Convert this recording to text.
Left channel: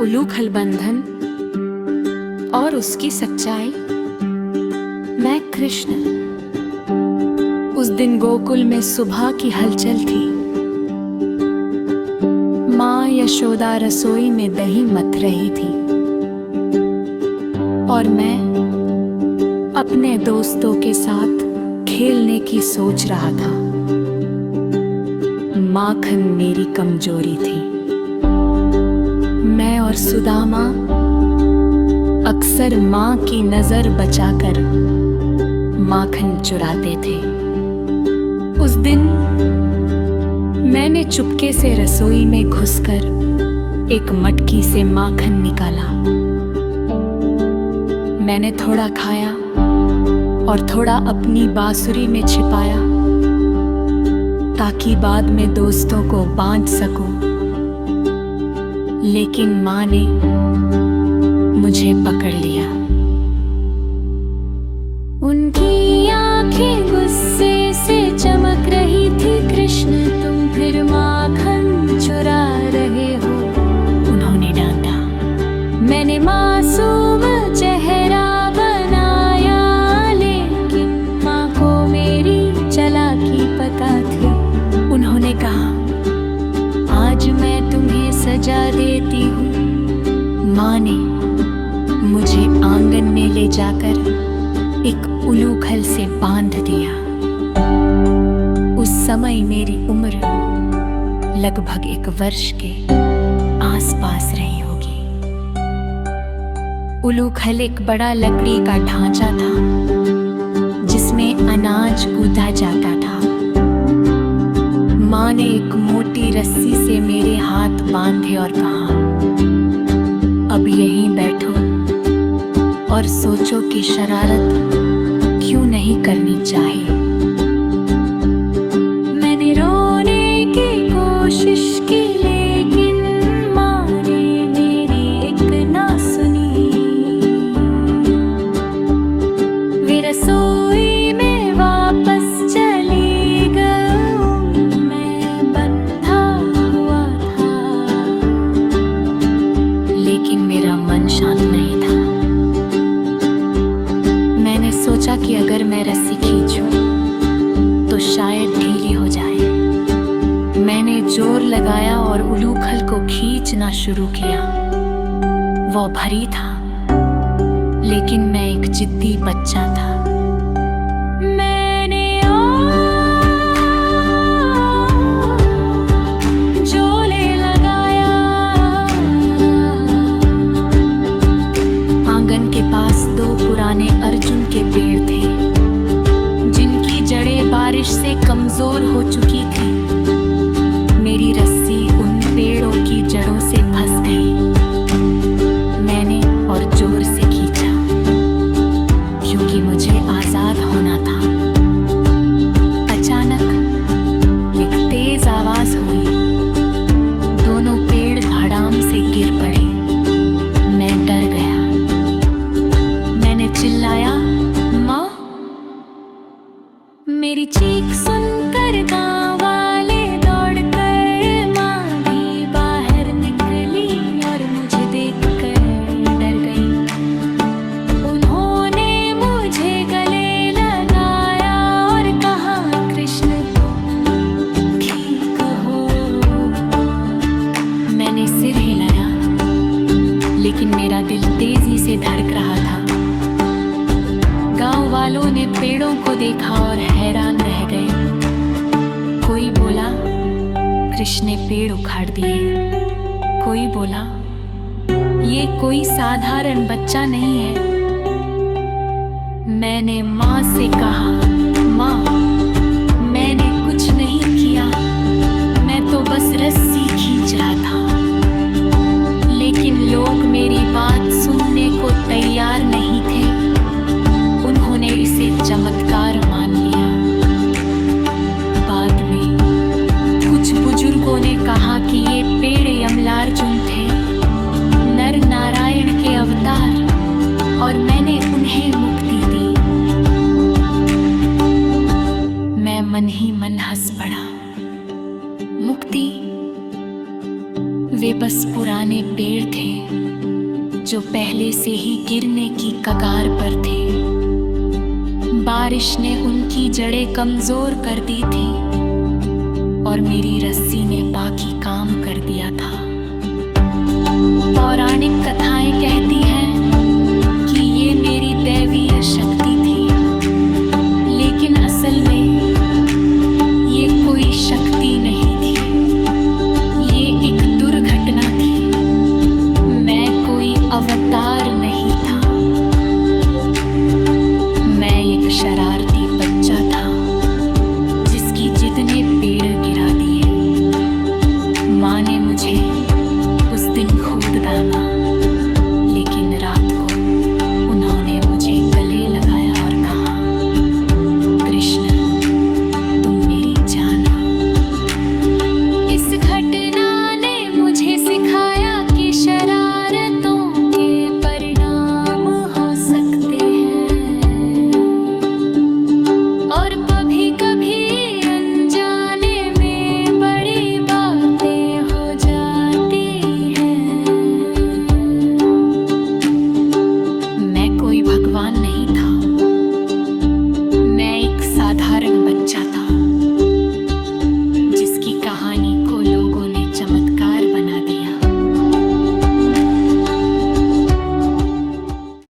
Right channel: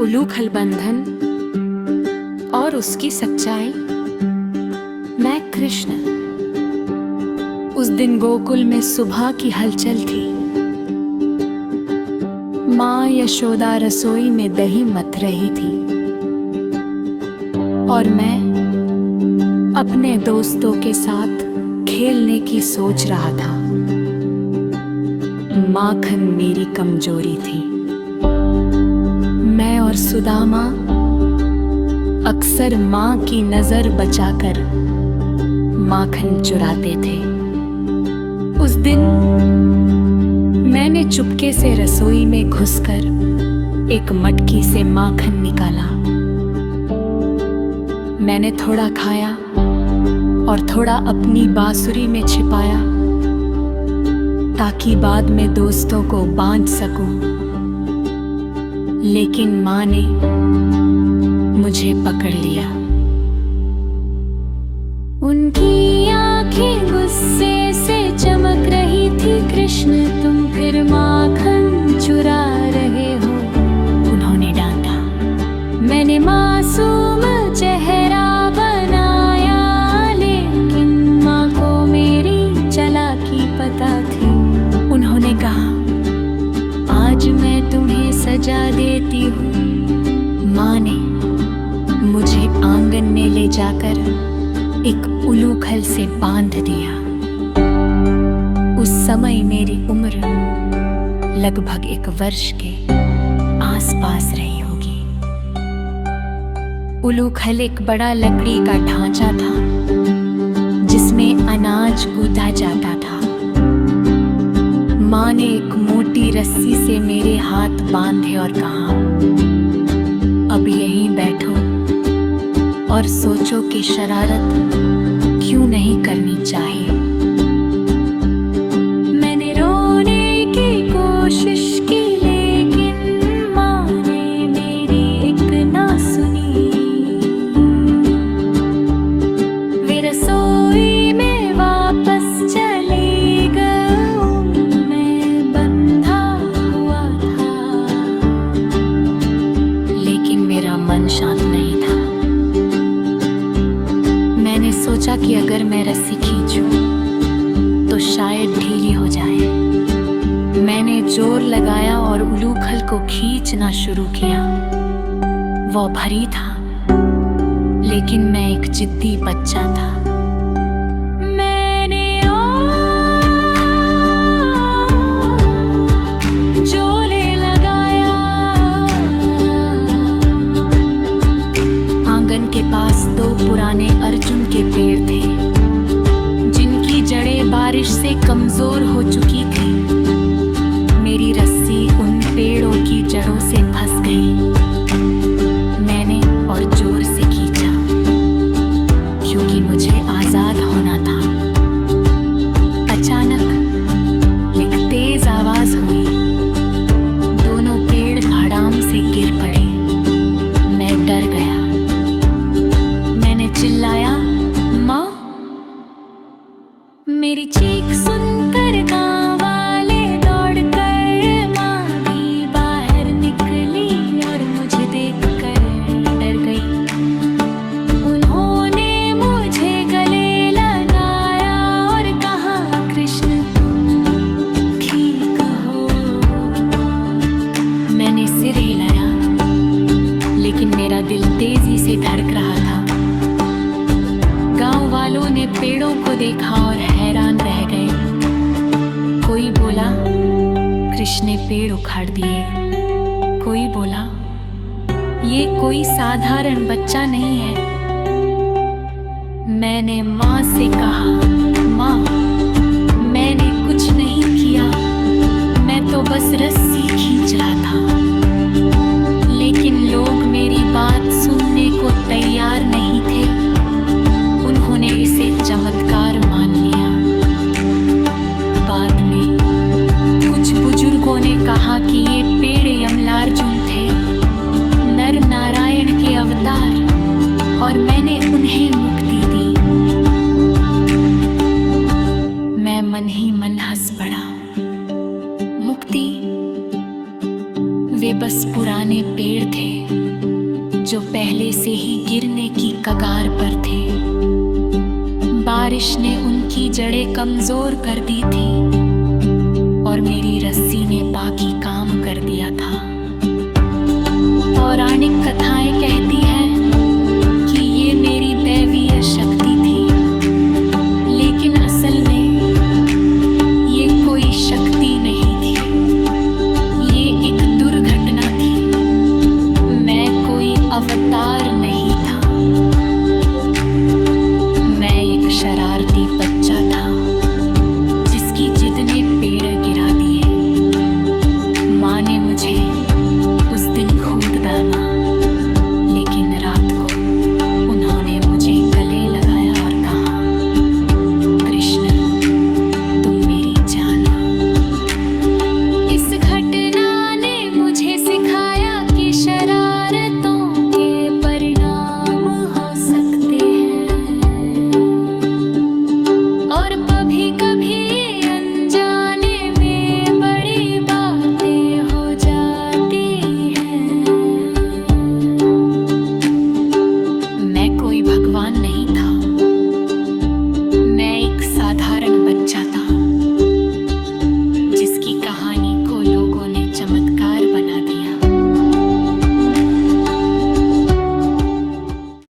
उलूखल बंधन और उसकी सच्चाई। मैं कृष्ण। उस दिन गोकुल में सुबह की हलचल थी। माँ यशोदा रसोई में दही मथ रही थी और मैं अपने दोस्तों के साथ खेलने की सोच रहा था। माखन मेरी कमजोरी थी। मैं और सुदामा अक्सर माँ की नजर बचाकर माखन चुराते थे। उस दिन मैंने चुपके से रसोई में घुसकर एक मटकी से माखन निकाला। मैंने थोड़ा खाया और थोड़ा अपनी बांसुरी में छिपाया ताकि बाद में दोस्तों को बांट सकूं। लेकिन माँ ने मुझे पकड़ लिया। उनकी आंखें गुस्से से चमक रही थी। कृष्ण, तुम फिर माखन चुरा रहे हो, उन्होंने डांटा। मैंने मासूम चेहरा बनाया, लेकिन माँ को मेरी चालाकी पता थी। उन्होंने कहा, आज मैं तुम्हें सजा देती हूँ। माँ ने मुझे आंगन में ले जाकर एक उलूखल से बांध दिया। उस समय मेरी उम्र लगभग 1 वर्ष के आसपास रही होगी। उलूखल एक बड़ा लकड़ी का ढांचा था जिसमें अनाज कूदा जाता था। माँ ने एक मोटी रस्सी से मेरे हाथ बांधे और कहा, अब यहीं बैठो और सोचो कि शरारत क्यों नहीं करनी चाहिए। मैंने रोने की कोशिश की, लेकिन माँ ने मेरी एक ना सुनी। वे रसोई में वापस चली गई। मैं बंधा हुआ था, लेकिन मेरा मन शांत नहीं था। मैंने सोचा कि अगर मैं रस्सी खींचूं तो शायद ढीली हो जाए। मैंने जोर लगाया और उलूखल को खींचना शुरू किया। वो भारी था, लेकिन मैं एक जिद्दी बच्चा था। मैंने जोले लगाया। आंगन के पास 2 पुराने अर्जुन के पेड़ थे जिनकी जड़ें बारिश से कमजोर हो चुकी थी। मेरी रस्सी उन पेड़ों की जड़ों से फंस गई। मैंने और जोर से खींचा क्योंकि मुझे आजाद होना था। अचानक एक तेज आवाज हुई। दोनों पेड़ धड़ाम से गिर पड़े। मैं डर गया। मैंने चिल्लाया, माँ। मेरी चीख सुनकर गांव वाले दौड़कर माँ भी बाहर निकली और मुझे देखकर डर गई। उन्होंने मुझे गले लगाया और कहा, कृष्ण तुम ठीक हो। मैंने सिर हिलाया, लेकिन मेरा दिल तेजी से धड़क रहा था। गांव वालों ने पेड़ों को देखा और हैरान रह गए। कोई बोला, कृष्ण ने पेड़ उखाड़ दिए। कोई बोला, ये कोई साधारण बच्चा नहीं है। मैंने माँ से कहा, माँ, मैंने कुछ नहीं किया, मैं तो बस रस्सी खींच रहा था। लेकिन लोग मेरी बात सुनने को तैयार नहीं थे। उन्होंने इसे चमत्कार मान लिया। बाद में कुछ बुजुर्गों ने कहा कि ये पेड़ यमलार्जुन थे, नर नारायण के अवतार, और मैंने उन्हें मुक्ति दी। मैं मन ही मन हंस पड़ा। मुक्ति? वे बस पुराने पेड़ थे जो पहले से ही गिरने की कगार पर थे। बारिश ने उनकी जड़ें कमजोर कर दी थी और मेरी रस्सी ने बाकी काम कर दिया था। पौराणिक कथाएं कहती हैं कि ये मेरी दैवीय शक्ति थी, लेकिन असल में ये कोई शक्ति नहीं थी, ये एक दुर्घटना थी। मैं कोई अवतार नहीं था, मैं एक शरारती बच्चा था जिसकी जिद ने पेड़ गिरा दिए। माँ ने मुझे उस दिन खूब दामा, लेकिन रात को उन्होंने मुझे गले लगाया और कहा, कृष्ण तुम मेरी जान हो। इस घटना ने मुझे सिखाया कि शरारतों के परिणाम हो सकते हैं और कभी कभी अनजाने में बड़ी बातें हो जाती हैं। मैं कोई भगवान नहीं था, मैं एक साधारण बच्चा था जिसकी कहानी को लोगों ने चमत्कार बना दिया।